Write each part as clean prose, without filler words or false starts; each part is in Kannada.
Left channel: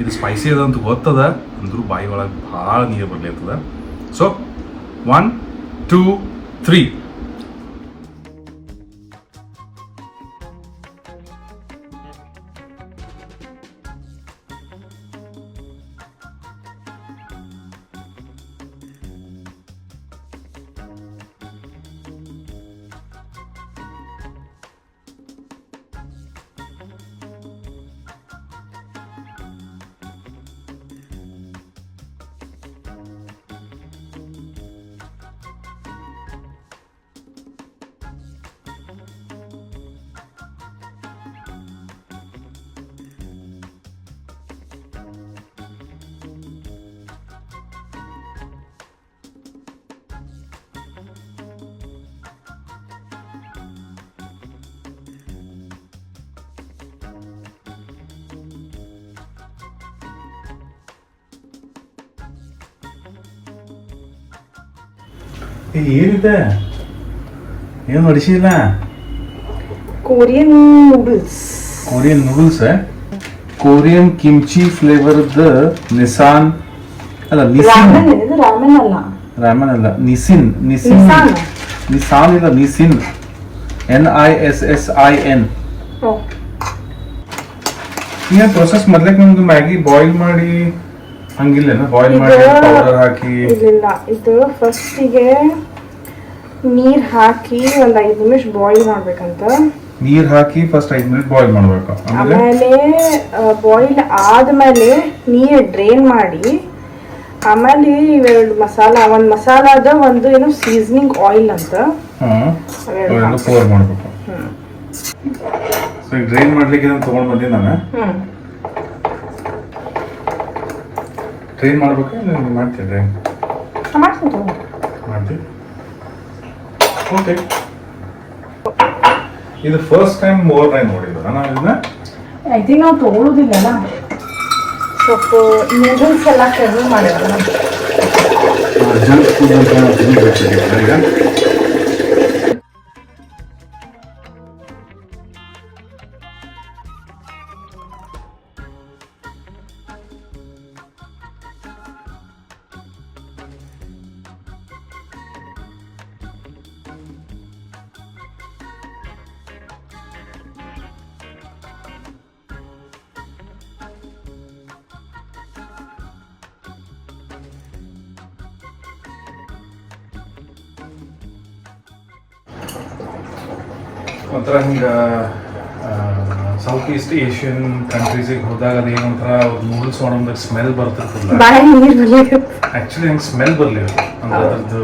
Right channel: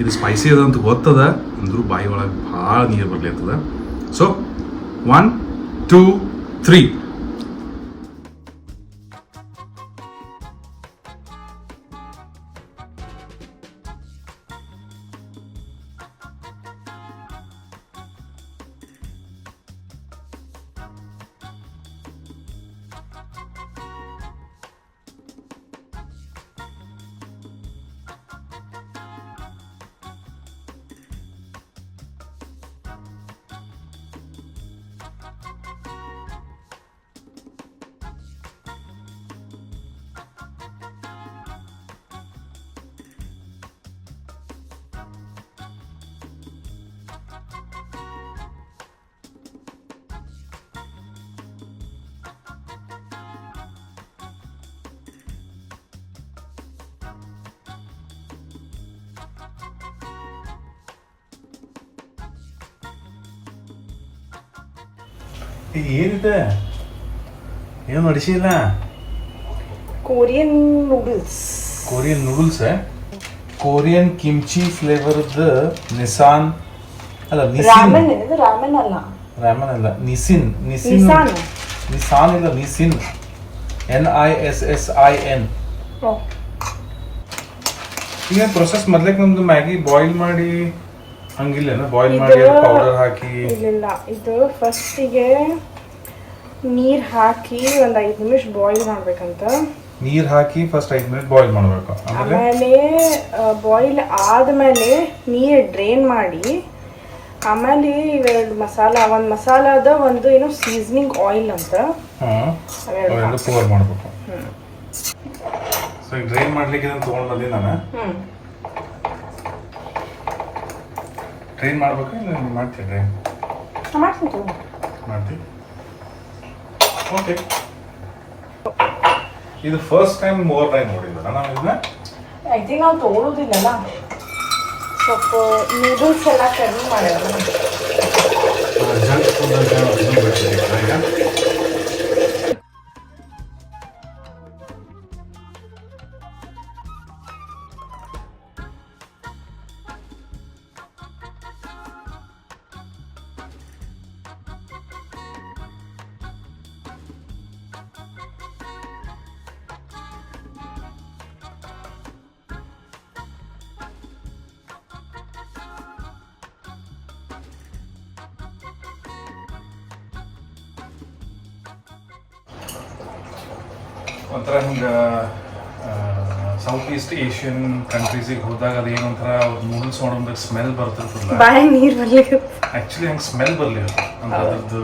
ಇದು ಸ್ಪೈಸಿ ಅದ ಅಂತ ಗೊತ್ತದ, ಅಂದ್ರೂ ಬಾಯಿ ಒಳಗೆ ಭಾಳ ನೀರು ಬರ್ಲಿರ್ತದ. ಸೊ 1 2 3. ಏನಿದೆ, ಏನು ನಡೆಸಿಲ್ಲ? Korean noodles. Korean noodles, Korean kimchi ಫ್ಲೇವರ್ದ ನಿಸಾನ್ ಅಲ್ಲ, ನಿಸಿನ್. ರಾಮನ್ ಅಲ್ಲ, ರಾಮನ್ ಅಲ್ಲ, ನಿಸಿನ್. ನಿಸಿನ್ ನಿಸಾನ್ ಇಲ್ಲ, ನಿಸಿನ್. NISSIN. ಏನ್ ಪ್ರೊಸೆಸ್ ಮೊದ್ಲಕ್ಕೆ ನಮ್ದು ಮ್ಯಾಗಿ ಬಾಯ್ಲ್ ಮಾಡಿ ಹಂಗಿಲ್ಲ, ಬಾಯ್ಲ್ ಮಾಡಿ ಪೌಡರ್ ಹಾಕಿ? ಇಲ್ಲ, ಇದು ಫಸ್ಟಿಗೆ ನೀರ್ ಹಾಕಿ ಒಂದ್ 5 ನಿಮಿಷ ಬಾಯ್ಲ್ ಮಾಡ್ಬೇಕಂತ. ನೀರ್ ಹಾಕಿ ಫಸ್ಟ್ 5 ಮಿನಿಟ್ ಬಾಯ್ಲ್ ಮಾಡ್ಬೇಕು. ಆಮೇಲೆ ಬಾಯ್ಲ್ ಆದ್ಮೇಲೆ ನೀರ್ ಡ್ರೈನ್ ಮಾಡಿ, ಆಮೇಲೆ ಇವೆರಡು ಮಸಾಲ, ಒಂದ್ ಮಸಾಲಾದ ಒಂದು ಏನು ಸೀಸನಿಂಗ್ ಆಯಿಲ್ ಅಂತ ಪೋರ್ ಮಾಡ್ಬೇಕು. ಸೊ ಡ್ರೈನ್ ಮಾಡ್ಲಿಕ್ಕೆ ಇದನ್ನ ತಗೊಂಡ್ ಬಂದಿ ನಾನು. ಡ್ರೈನ್ ಮಾಡ್ಬೇಕಾ ಮಾಡ್ತೀವಿ? ಡ್ರೈನ್ ಮಾಡ್ತೀವಿ. ಓಕೆ, ಇದು ಫಸ್ಟ್ ಟೈಮ್ ಓವರ್ ನೋಡಿದ್ರು ನಾನು ಇದನ್ನ. ಐ ಥಿಂಕ್ ನಾವು ತಗೊಳ್ಳೋದಿಲ್ಲಲ್ಲ, ಸ್ವಲ್ಪ ನೂಡಲ್ಸ್ ಎಲ್ಲ ಕಡಿಮೆ ಮಾಡಿದ್ರು. ಜಂಕ್ ಫುಡ್ ಅಂತ ಈಗ ಒಂಥರ ಹಿಂಗೆ ಸೌತ್ ಈಸ್ಟ್ ಏಷ್ಯನ್ ಕಂಟ್ರೀಸಿಗೆ ಹೋದಾಗ ಅದೇನಂತರ ನೂಡಲ್ಸ್ ಮಾಡೋದಾಗ ಸ್ಮೆಲ್ ಬರ್ತಿರ್ತಲ್ಲ, ಆ್ಯಕ್ಚುಲಿ ಹಂಗೆ ಸ್ಮೆಲ್ ಬರಲಿ ಅಂದ್ರೆ ಅದ್ರದ್ದು.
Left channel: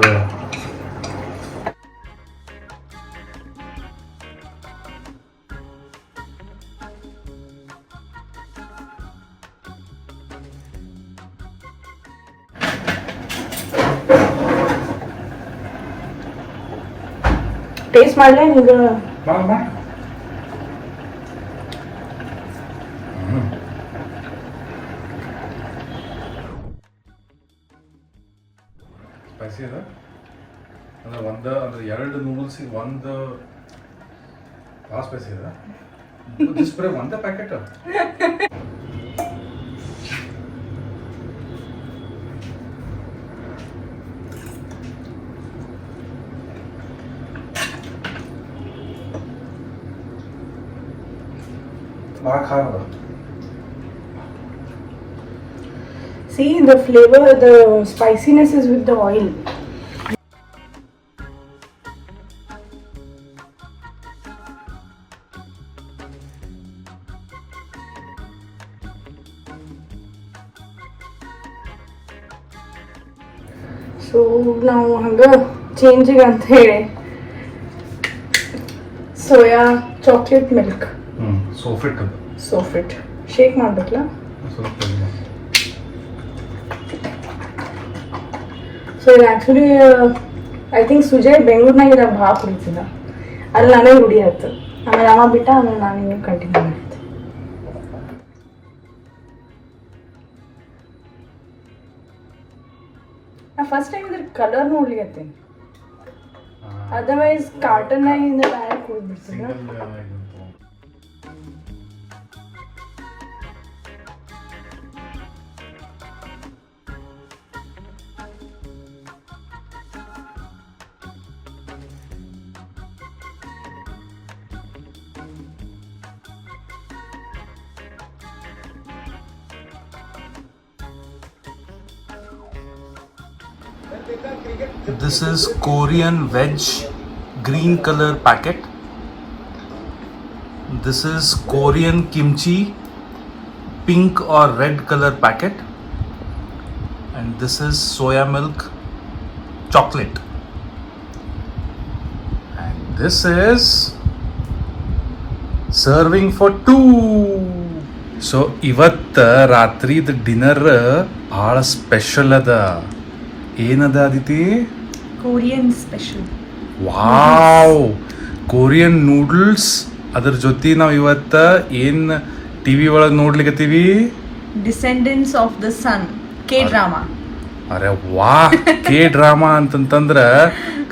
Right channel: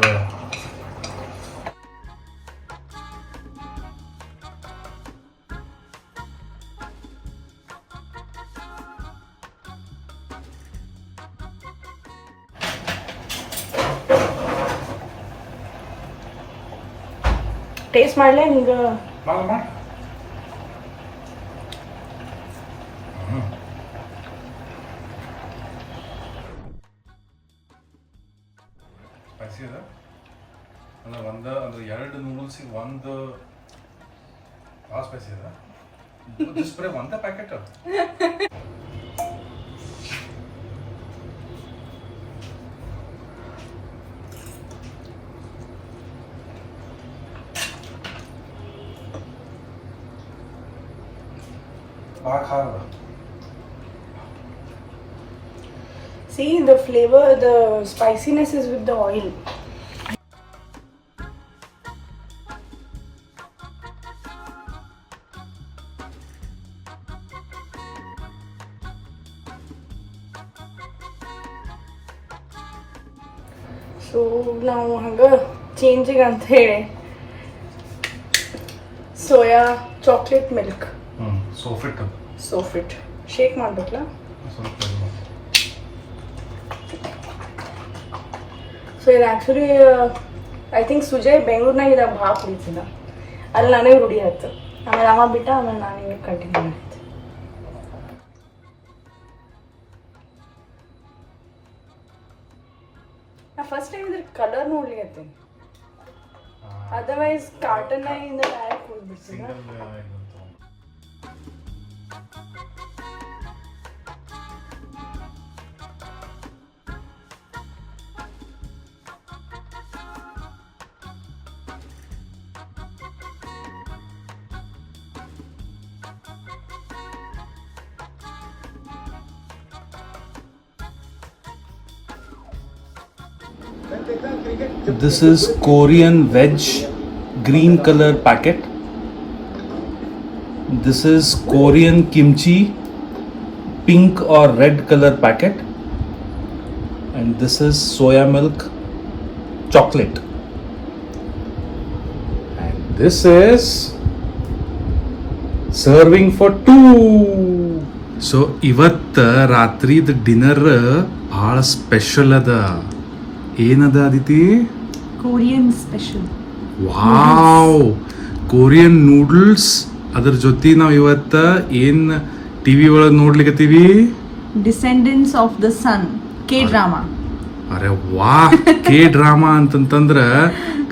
ಟೇಸ್ಟ್ ಮಾಡಲೇ ನಿಮ್ಗೆ? ಸ್ಪೈಸಿ ಅದ ಅಂದ್ರೆ ಅಂದ್ರೆ 2 ನೂಡಲ್ಸಿಗೆ ಒಂದು ಭಾಳ ಸ್ಪೈಸಿ ಅದ. ಬರೀ ಒಂದೇ ಪ್ಯಾಕೆಟ್ ಭಾಳ ಖಾರ ಬರ್ತದೆ. See, the flavor, the spiciness is with the oil. So ನಾವು ಹಂಗ ಚೇಂಜಿಗೆ ಅಂತ ಹೇಳಿ ಸೋಯಾ ಚಾಕ್ಲೇಟ್ ಮಿಲ್ಕ್ ಸೋಫಿಟ್ ಶೇಕ್ ಮಾಡ್ಬೇಕಲ್ಲ. ಸೊ ಇದು ಆ್ಯಕ್ಚುಲಿ ಐ ಥಿಂಕ್ ಸುಜಯ್ ಬೆಂಗಳೂರಿನಾಗ ಇದಾಗ ಭಾಳ ಕುಡಿತಿದ್ದ, ಅಲ್ಲಿ ನಾನೇ ರೂಢಿ ಆಯ್ತು. ಆಮೇಲೆ ಯಾವಾಗ ಬಿಟ್ಟ ಆಮೇಲೆ ನಾನು ಕಂಟಿನ್ಯೂ ಮಾಡಿದ್ದೆ. ನಾ ಫಸ್ಟ್ ಟೈಮ್ ಇದ್ರ ಕಲರ್ ನೋಡ್ಲಿಕ್ಕೆ, ಅದರ್ವೈಸ್ ಕಾರ್ಟನ್ನಾಗಿಂದ ಬ್ಯಾರೆ ಕುಡಿದ್ಬಿಡ್ತಿಲ್ಲ. This is Korean veg green color packet. This is Korean kimchi pink or red color packet. And this is soya milk chocolate. And this is serving for 2. So ಇವತ್ತು ರಾತ್ರಿದ ಡಿನ್ನರ್ ಭಾಳ ಸ್ಪೆಷಲ್ ಅದ. ಏನದ Aditi? Korean special. Wow, Korean noodles. ಅದ್ರ ಜೊತೆ ನಾವು ಇವತ್ತು ಏನು ಟಿ ವಿ ಒಳಗೆ ನೋಡ್ಲಿಕ್ಕತ್ತೀವಿ? Descendants of the sun, K drama. ಅರೆ ವಾ, ಕೆ ಡ್ರಾಮಾ ಅಂತಂತಂದ್ರೆ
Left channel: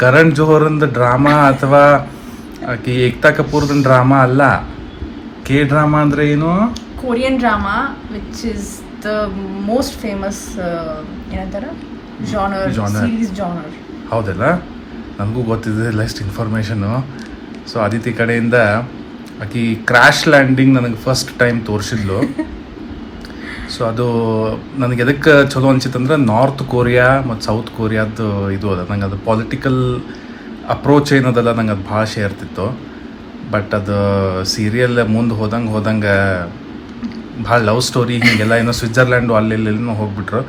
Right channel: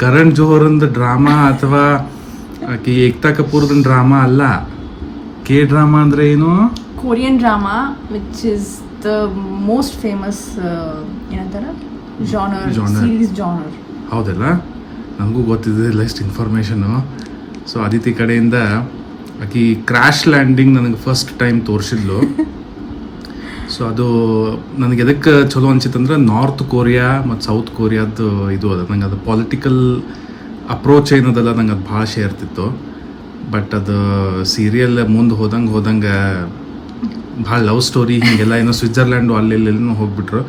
ಕರಣ್ ಜೋಹರ್ಂದ ಡ್ರಾಮಾ ಅಥವಾ ಆಕಿ ಏಕ್ತಾ ಕಪೂರ್ದ ಡ್ರಾಮಾ ಅಲ್ಲ. ಕೆ ಡ್ರಾಮಾ ಅಂದ್ರೆ ಏನು? Korean drama which is the most famous ಏನಂತಾರ ಜಾನರ್, ಸೀರೀಸ್ ಜಾನರ್. ಹೌದಲ್ಲ, ನನಗೂ ಗೊತ್ತಿದೆ ಇಷ್ಟು ಇನ್ಫಾರ್ಮೇಷನು. ಸೊ ಅದಿತಿ ಕಡೆಯಿಂದ ಆಕಿ ಕ್ರ್ಯಾಶ್ ಲ್ಯಾಂಡಿಂಗ್ ನನಗೆ ಫಸ್ಟ್ ಟೈಮ್ ತೋರಿಸಿದ್ಲು. ಸೊ ಅದು ನನಗೆ ಎದಕ್ಕೆ ಚಲೋ ಅನ್ಸಿತ್ತಂದ್ರೆ ನಾರ್ತ್ ಕೊರಿಯಾ ಮತ್ತು ಸೌತ್ ಕೊರಿಯಾದ್ದು ಇದು ಅದ. ನಂಗೆ ಅದು ಪೊಲಿಟಿಕಲ್ ಅಪ್ರೋಚ್ ಏನದಲ್ಲ, ನಂಗೆ ಅದು ಭಾಳ ಸೇರ್ತಿತ್ತು. ಬಟ್ ಅದು ಸೀರಿಯಲ್ ಮುಂದೆ ಹೋದಂಗೆ ಭಾಳ ಲವ್ ಸ್ಟೋರಿ ಹೀಗೆಲ್ಲ ಏನೋ ಸ್ವಿಟ್ಜರ್ಲ್ಯಾಂಡು ಅಲ್ಲೆಲ್ಲೆಲ್ಲೂ ಹೋಗ್ಬಿಟ್ರು.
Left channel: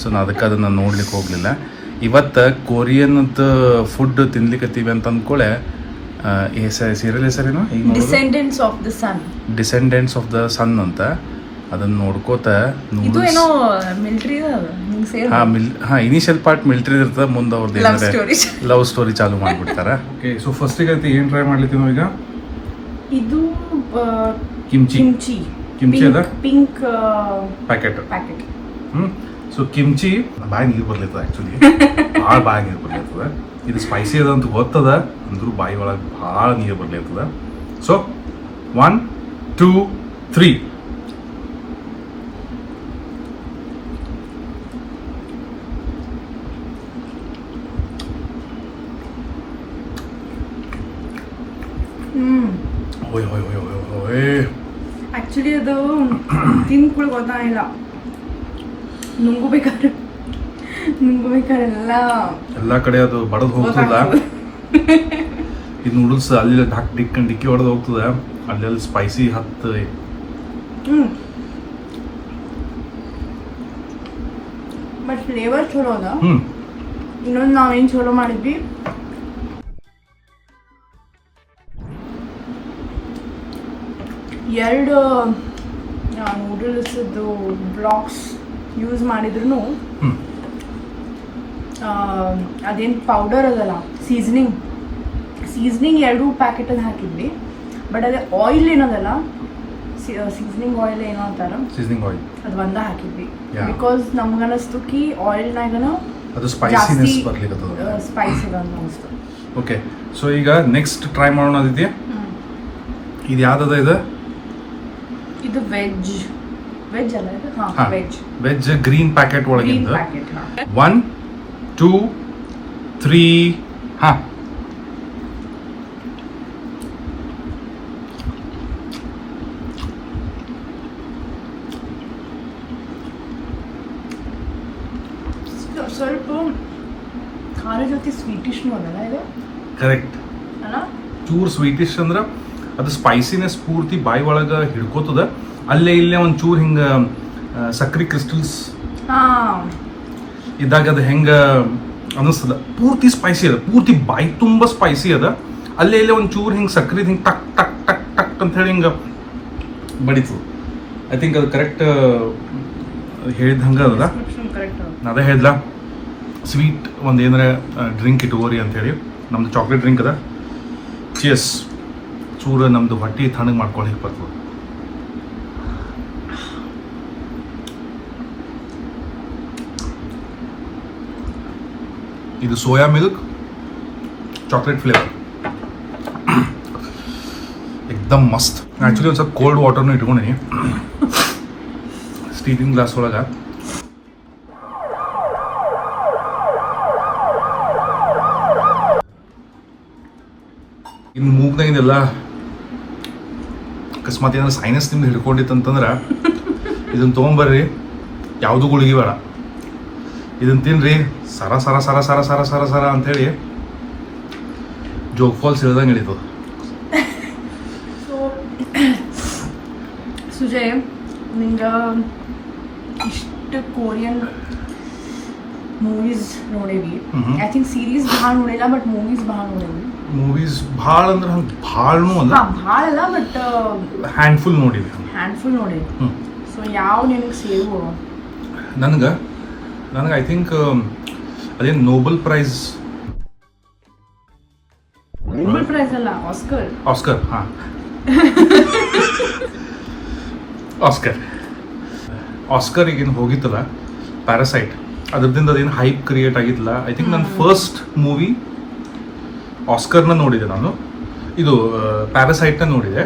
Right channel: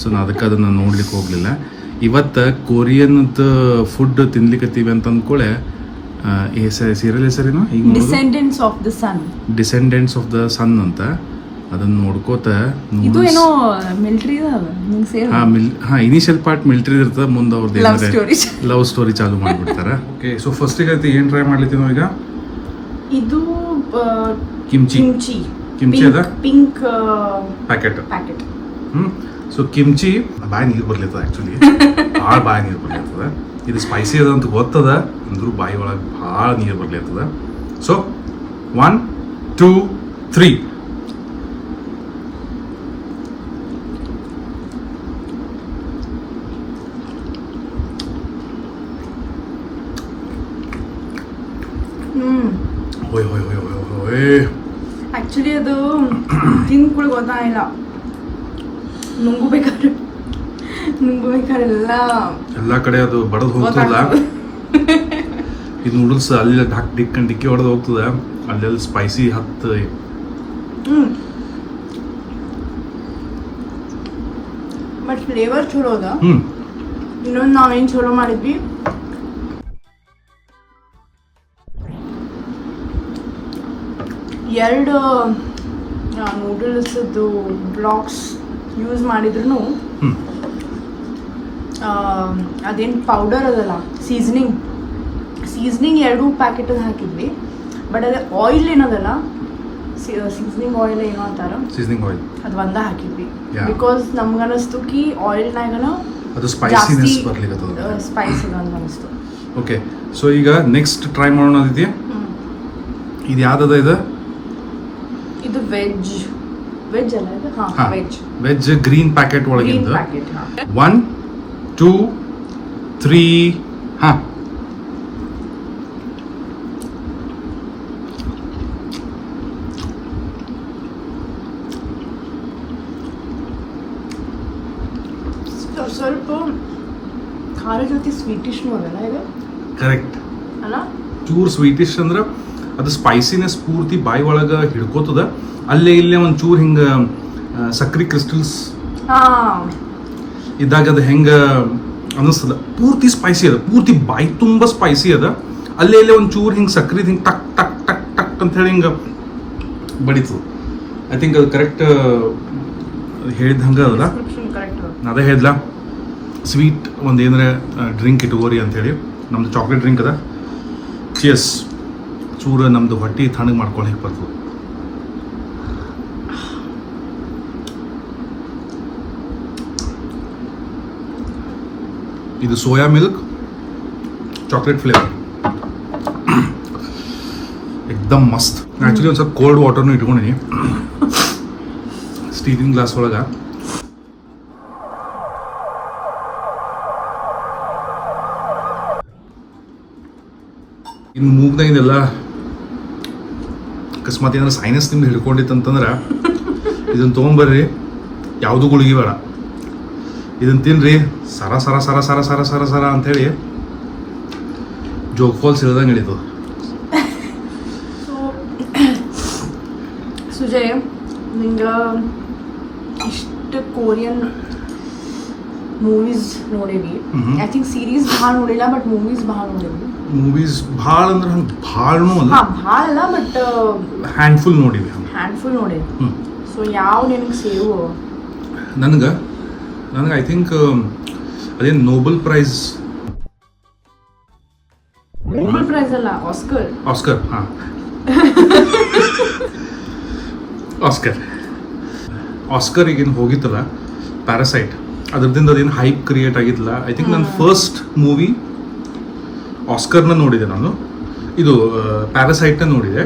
ಸೊ ನಾನು ಅದಕ್ಕೆ ಅದನ್ನು ನೋಡ್ಲಿಕ್ಕೆ ಹೋಗಲಿಲ್ಲ. ಇವತ್ತು ಕೊರಿಯನ್ದು ಫುಡ್ ತಿನ್ಲಿಕ್ಕತ್ತೀವಿ ಅಂತ ಅಂದ್ಕೊಳ್ಳೆ ಈ ಸೀರಿಯಲ್ ಹೆಸರೇನು ಈಗ? Descendants of the sun. Descendants of the sun ಅಂತ. ಅದನ್ನು ನೋಡ್ಕೋತ ಇನಿಷಿಯಲ್ ಪಾರ್ಟ್ ಮಿಲಿಟರಿ ಇರ್ತದೆ, ಮುಂದೆ ಅವ್ರದ್ದು ಏನಾದ್ರೆ ಲವ್ ಸ್ಟೋರಿ ಚಾಲು ಮಾಡಿಬಿಡ್ತಾರೆ. ಓಕೆ, ಸೊ ಫಸ್ಟಿಗೆ ಏನು ಟ್ರೈ ಮಾಡ್ಲಿತ್ತೀವಿ ನಾವು ಈಗ? ಇದು ಕಿಮ್ಚಿ ಅದ ಪಿಂಕ್ ಪ್ಯಾಕೆಟ್. ಸೊ ಕಿಮ್ಚಿ ಬಾಯಿ ನೀರು ಬರ್ಲಿರ್ತದೆ, ಆ್ಯಕ್ಚುಲಿ ಭಾಳ ಬಾಯಿ ನೀರು ಬರ್ಲಿರ್ತದೆ. ಇದು ಸ್ಪೈಸಿ ಅದ ಅಂತ ಗೊತ್ತದ, ಅಂದ್ರೂ ಬಾಯಿ ಒಳಗೆ ಭಾಳ ನೀರು ಬರ್ಲಿರ್ತದೆ. ಸೊ 1 2 3. ಆಕ್ಚುಲಿ ಅದು ತಿನ್ಕೊಳ್ಳಿ ಗೊತ್ತಾಗಿಲ್ಲ. ನುಂಗಬೇಕಾದ್ರೆ ಎಲ್ಲ ಕಡೆ ಅದು ಬಡದು ಹೋಗ್ತದಲ್ಲ. ಈ ನೂಡಲ್ಸ್ ಅಲ್ಲಿ ಡಿಕ್ಕಿ ಹೊಡೆದು ಹೋಗ್ತದೆ, ಅಲ್ಲೆಲ್ಲ ಸ್ಪೈಸಿ ಹತ್ತು. ಬಟ್ ಫ್ಲೇವರ್ ಚಲೋ ಅದ. ಇನ್ನೊಂದು ನಾವೇನು ಚಲೋ ಮಾಡಿದ್ವಿ, ಎರಡು ನೂಡಲ್ಸ್ದು ಬ್ಲಾಕ್ಸ್ ಯೂಸ್ ಮಾಡಿದ್ರು ಅದೇನು ಪೌಡರ್ ಅದಲ್ಲ, ಸೀಸ್ನಿಂಗ್ 2 ಪ್ಯಾಕೆಟಲ್ಲಿ ಹಾಕಿದ್ವಿ. ಬಟ್ ಅದೇ ಆಯಿಲ್ ಏನದಲ್ಲ, ಸೀಸ್ನಿಂಗ್ ಆಯಿಲ್ ಏನೋ ಅಂತಾರ, ಸೀಸ್ನಿಂಗ್ ಆಯಿಲ್ ಅದು ಒಂದ ಹಾಕಿದ್ವಿ. ಬಿಕಾಸ್ ನಮ್ಗನಿಸ್ತು ಕಿ ಆಯಿಲ್ನಾಗನ ಅದು ಸ್ಪೈಸಿನೆಸ್ ಬರ್ಲಿಕ್ಕೆ ಸ್ಪೈಸ್ ಅದ ಅನಿಸ್ತು. ಓಕೆ, ಸೊ ಈಗ ನೆಕ್ಸ್ಟ್ ಟ್ರೈ ಮಾಡೋಣ ಅದಿತಿ. ಇದು ಯಾವ್ದದ? ಇದು ವೆಜ್ ಅಲ್ಲ, ಇದು ವೆಜ್ ಗ್ರೀನ್ ಪ್ಯಾಕೆಟ್ ಒಳಗಿಂದ 1 2 3. ಸ್ವಲ್ಪ ಖಾರ ಜೊತೆ ಸ್ವೀಟಿಶ್ನೂ ಅದಲ್ಲ ಇದು? ಕರೆಕ್ಟ್ ಅಲ್ಲ, ಚೂರು ಸ್ವೀಟಿಶ್ ಅಂದ್ರೆ ಅದು ಸ್ಪೈಸಿನೆಸ್ ಪೂರ್ತಿ ಬಾಯಿ ಒಳಗೆ ಹಿಡ್ಕೋತದ. ಅಲ್ಲೇ ಇಲ್ಲೇ ಒಂದು ಚೂರು ಹಿಂಗೆ ಸಕ್ರೆ ಕ್ರಿಸ್ಟಲ್ಸ್ ಇದ್ದಾಗ ಅದು ಹೆಂಗೆ ಅನ್ನಿಸ್ತದ. ಪೂರ್ತಿ ಸ್ಪೈಸಿ ಅದ, ಪೂರ್ತಿ ಬಾಯಿ ತುಂಬ ಸ್ಪೈಸಿ ಅದ. ಅಲ್ಲೇ ಇಲ್ಲೇ ಒಂದು ಚೂರು ಹಿಂಗೆ ಸಕ್ರೆ ಹಿಂಗೆ ಟಕ್ ಟಕ್ ಟಕ್ ಟಕ್ ಅಂತ ಹೇಳಿ ಹಿಂಗೆ ಬಡಿತು. ಐ ಥಿಂಕ್ ಅದು ಕರೆಕ್ಟ್ ಹೇಳಿದ ಹಂಗೆ ಅದಲ್ಲ. ಅದೇ ಹೇಳಿದ್ಲ, ಸ್ವೀಟ್ ಒಂದು ಏನಾರ ಡ್ರಿಂಕ್ ಇಟ್ಕೋರಿ ಅಂಥೇಳಿ. ನಮ್ಮದು ಚಾಕ್ಲೇಟ್ ಡ್ರಿಂಕ್ ಅದ. ಚಿಯರ್ಸ್. ಚೂರು ನಮ್ಮದು ಹೊಟ್ಟೆ ತಣ್ಣಗೆ ಮಾಡ್ಕೊಳ್ಳಿಕ್ಕೆ ಬರ್ತದೆ. ಇದು ಸೋಯಾ ಮಿಲ್ಕ್ ಚಾಕ್ಲೇಟ್ ಫ್ಲೇವರ್, ಎಕ್ದಮ್ ಮಸ್ತ್. ಆ್ಯಕ್ಚುಲಿ ಒಂದು ಸ್ವಲ್ಪ ಕೋಲ್ಡ್ ವಾಟರ್ನು ಇಟ್ಕೊಂಡಿನಿ ಸ್ಟೀಲಿಂಗ್ ಗ್ಲಾಸ್ ಒಳಗೆ. ಇನ್ನು ಮೂಗ್ನಾಗಿನೆಲ್ಲ ಅಕಸ್ಮಾತ್ ಏನಾದ್ರು ಸೈನಸ್ ನಿಮ್ದು ಹಿಡ್ಕೊಂಡಿತ್ತಂತಂದ್ರೆ ಇದನ್ನು ತೊಗೊಂಬರ್ರಿ, ಯಾವುದೂ ಗುಳಿಗೆ ಬೇಡ, ಇದನ್ನು ತಿನ್ನಿರಿ, ಸರ ಸರ ಸರ ಸರ ಸರ ಸರ ಸರ ಅಂಥೇಳಿ ಜೋಗ್ ಫಾಲ್ಸ್ ಇಳ್ದಂಗೆ ಇಳಿತು. ಸೊ ಸುಜಯ್, ನಿಂಗೆ ಇಷ್ಟು ಕೋರಿಯನ್ ಮೂವೀಸ್ ನೋಡೇವಿ. ಐ ಥಿಂಕ್ ಸೀರೀಸ್ ಭಾಳ ನೋಡಿಲ್ಲ, ಬಟ್ ಮೂವೀಸ್ ಭಾಳ ನೋಡೇವಿ. ಮೂವೀಸ್ ಭಾಳ ಅಂದ್ರೆ ಹಂಗೆ ಭಾಳನೂ ಅಲ್ಲ, ಭಾಳ ಅಲ್ಲ, ಬಟ್ ಹ್ಯಾಂಡ್ಫುಲ್ ನೋಡಿವಿ. ಹ್ಯಾಂಡ್ಫುಲ್ ನೋಡೇವಿ. ಸೊ ಯಾವ ನಿಮ್ಗೆ ಸೇವು? ನನಗೆ ಐ ಥಿಂಕ್ ಅದೇನು ನೋಬೆಲ್ ಪ್ರೈಸ್ ಅಲ್ಲ, ಆಸ್ಕರ್ ಹಾಂ ಆಸ್ಕರಿಗೇನು ಹೋಗಿತ್ತಲ್ಲ ಪ್ಯಾರಾಸೈಟ್, ಅದ್ರದಿಂದ ಅದೇನು ಹೈಪ್ ಕ್ರಿಯೇಟ್ ಆಗಿತ್ತಲ್ಲ. ಐ ಥಿಂಕ್ ನನ್ನ ಫಸ್ಟ್ ಮೂವಿ ಆಸ್ಕರ್ನ ನೋಡಿದೆ ನಾನು. ಇದು ಪ್ಯಾರಾಸೈಟ್ನ ನೋಡಿದೆ,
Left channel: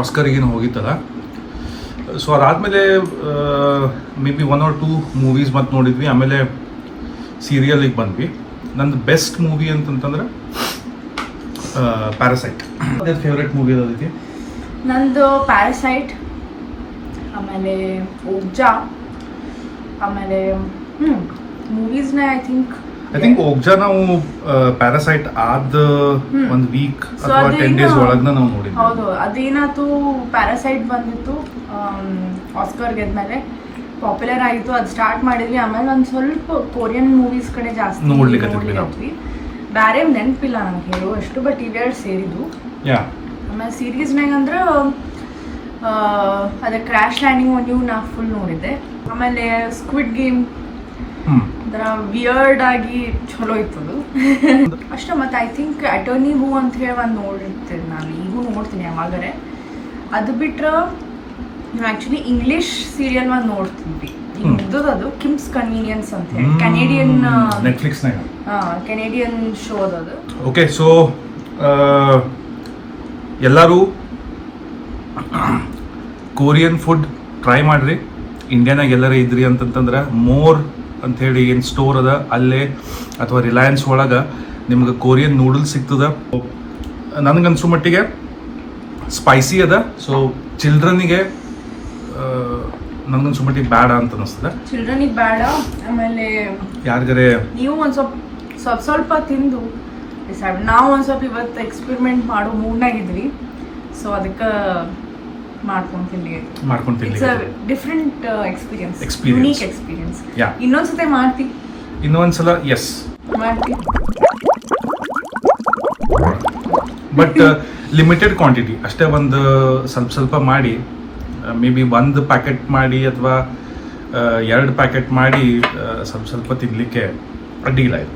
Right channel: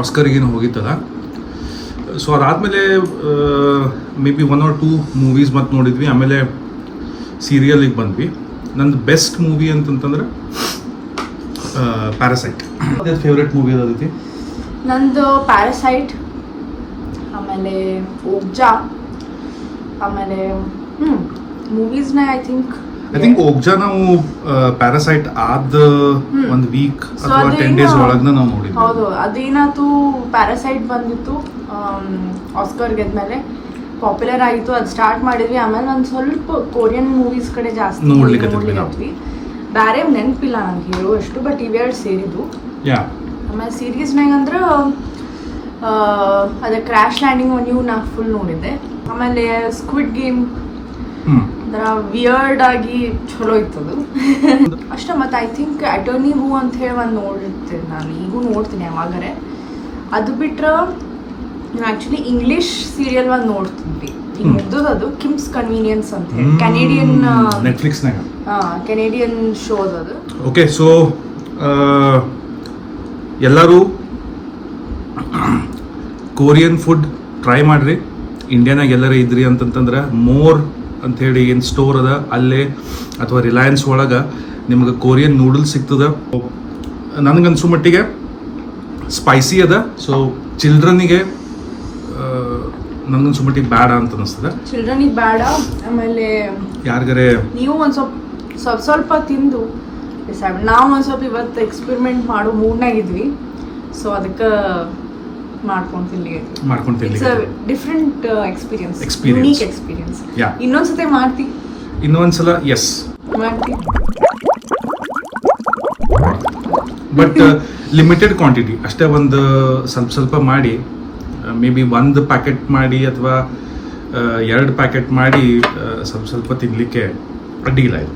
ಆಸ್ಕರಿಗೇನು ಹೋಗಿತ್ತಲ್ಲ. ಸೊ ಅದಾದಮೇಲೆ ಮೇ ಬಿ 1 or 2 ಮೂವೀಸ್ ಮತ್ತು ನೋಡಿದ್ವಿ. ಆಮೇಲೆ ಸೀರಿಯಲಿಗೆ ಬಂದ್ವಿ. ನಂದು ಬೆಸ್ಟ್ ಮೂವಿ ಅಂತಂತಂದ್ರೆ ಪ್ಯಾರಾಸೈಟ್. ಅದೇ ಫೇವ್ರೆಟ್ ಮೂವಿ ಅದೈತಿ ನಂದು ಪ್ಯಾರಾಸೈಟ್, ಆಮೇಲೆ ಓಗ್ಜಾ, ಆಮೇಲೆ ಮೂವೀಸ್ನ ಐ ಥಿಂಕ್ ಓಗ್ಜಾ ನಾವು ಪ್ಯಾರಾಸೈಟ್ ಆದ ಒಂದು ವೀಕ್ ಅಥವಾ 10 days ಒಳಗೆ ನಾವು ನೋಡಿದ್ವಿ. ಹೌದು, ಅದೇನಾಯ್ತು, ಪ್ಯಾರಾಸೈಟ್ ಬಂದಿತ್ತು ಆಸ್ಕರ್ ಗೆದ್ಮೇಲೆ ಪಾಪ್ಯುಲರ್ ಆಯಿತು, ಅದು ಸ್ಟಾರ್ಟ್ ಮಾಡಿದ್ವಿ. ಆಮೇಲೆ ಒಂದು ಸ್ವಲ್ಪ ಕೊರಿಯನ್ ಮೂವೀಸ್ ಕಡೆ ಜಾಸ್ತಿ ನೋಡ್ಲಿಕ್ಕೆ ಬೇರೆ ನೆನಪಿಲ್ಲ ನನಗೆ ಹೇಳುವಷ್ಟು, ಬಟ್ ಇವೆರಡು ಸೇರಿದ್ವು. ಆಮೇಲೆ ಸೀರೀಸ್ನಾಗ ಅಂದ್ರೆ ಅದೇ ಕ್ರ್ಯಾಶ್ ಲ್ಯಾಂಡಿಂಗ್ ನೀವು ನಾ ಫುಲ್ ನೋಡಿದ್ದೆ. ಆಮೇಲೆ ಸ್ಕ್ವಿಡ್ ಗೇಮ್ ಅದರ ವಿಯರ್ಡ್ ಆಗಿ ಚಲೋ ಇತ್ತದು ಅಷ್ಟೇ. ಮತ್ತು ಐ ಥಿಂಕ್ ಅಟರ್ನಿ ಹೂ ಅಂತ ಹೇಳಿ ಒಂದು ನೋಡಿರ್ತೀನಿ ನಾನು, ಈಗೂ ನೋಡ್ತೀನಿ ಯಾವಾಗರೆ. ಅದು ಬಿಟ್ರೆ ನಾನು ಆ್ಯಕ್ಚುಲಿ ಇಂಗ್ಲೀಷ್ ಸೀರಿಯಲ್ ಒಂದು ನೋಡ್ತೀನಿ, ಈಗ ಮುಗ್ದದು, ಅದು ಕಿಮ್ಸ್ ಕನ್ವೀನಿಯನ್ಸ್ ಅಂತ ಹೇಳಿ, ಕೆನೇಡಿಯನ್ ನೆಟ್ಫ್ಲಿಕ್ಸ್ನಾಗ ಕೆನೇಡಿಯನ್ ಶೋದು ಅದು. ಓಕೆ, ಸೊ ಎಲ್ಲರೂ ಕೊರಿಯನ್ ಫುಡ್ ಟ್ರೈ ಮಾಡಿರಿ. ಇಂಡಿಯಾನಾಗ ಎಲ್ಲರೂ ಇದ್ರಿ ಅಂತಂತಂದ್ರೆ ಮೋರ್ ಅಂಥೇಳಿ ಏನು ಸ್ಟೋರ್ ಅದ ಅಲ್ಲೇ ಅಥವಾ ರಿಲಯನ್ಸ್ ಒಳಗೆ ನಿಮ್ಗೆ ಕೊರಿಯನ್ ನೂಡಲ್ಸ್ ಸಿಗ್ತದೆ. ನನಗನ್ಸೋ ಮಟ್ಟಿಗೆ ಸ್ಪೈಸಿ ಅದ. ಸೊ ಚಿಲ್ಡ್ರನ್ನಿಗೆ ನನಗನ್ಸೋ ಮಟ್ಟಿಗೆ ಬೇಡ ಅಂತ ಅನಿಸ್ತದೆ. ಚಿಲ್ಡ್ರನಿಗೆ ಬೇಡ. ಆಮೇಲೆ ಯಾರಿಗಾರೆ ನೀವು ಒಂದು ಸ್ವಲ್ಪ ತಿಂದು ಡಿಸೈಡ್. ನಾವು ಒಂದು ಸ್ವಲ್ಪ ಇವತ್ತು ಎಕ್ಸ್ಪೆರಿಮೆಂಟ್ ಮಾಡೋ ಮೂಡ್ನಾಗಿದ್ವಿ, ಸೊ ಅದಕ್ಕೆ ಮಾಡ್ಕೊಂಡು ತಿನ್ಲಿ. Different experience, unique experience. ಇನ್ನೊಂದ್ಸತಿ ಮಾಡ್ತೀವಿ, ಇನ್ನೊಂದ್ಸಲ ಎಸ್ ಮಾಡ್ತೀವಿ, ಬಟ್ ಲಿಮಿಟೆಡ್ ಕ್ವಾಂಟಿಟಿ ಅಷ್ಟೇ. ಒಂದು ಸ್ವಲ್ಪ ಮಾಡಿ, ಮೇ ಬಿ 1 ಪ್ಯಾಕೆಟ್ ಮಾಡಿ ಅಥವಾ 2 ಪ್ಯಾಕೆಟ್ ಮಾಡಿ ಸ್ವಲ್ಪ ತಿನ್ನಲಿಕ್ಕೆ ಅಡ್ಡಿಲ್ಲ ಇದು.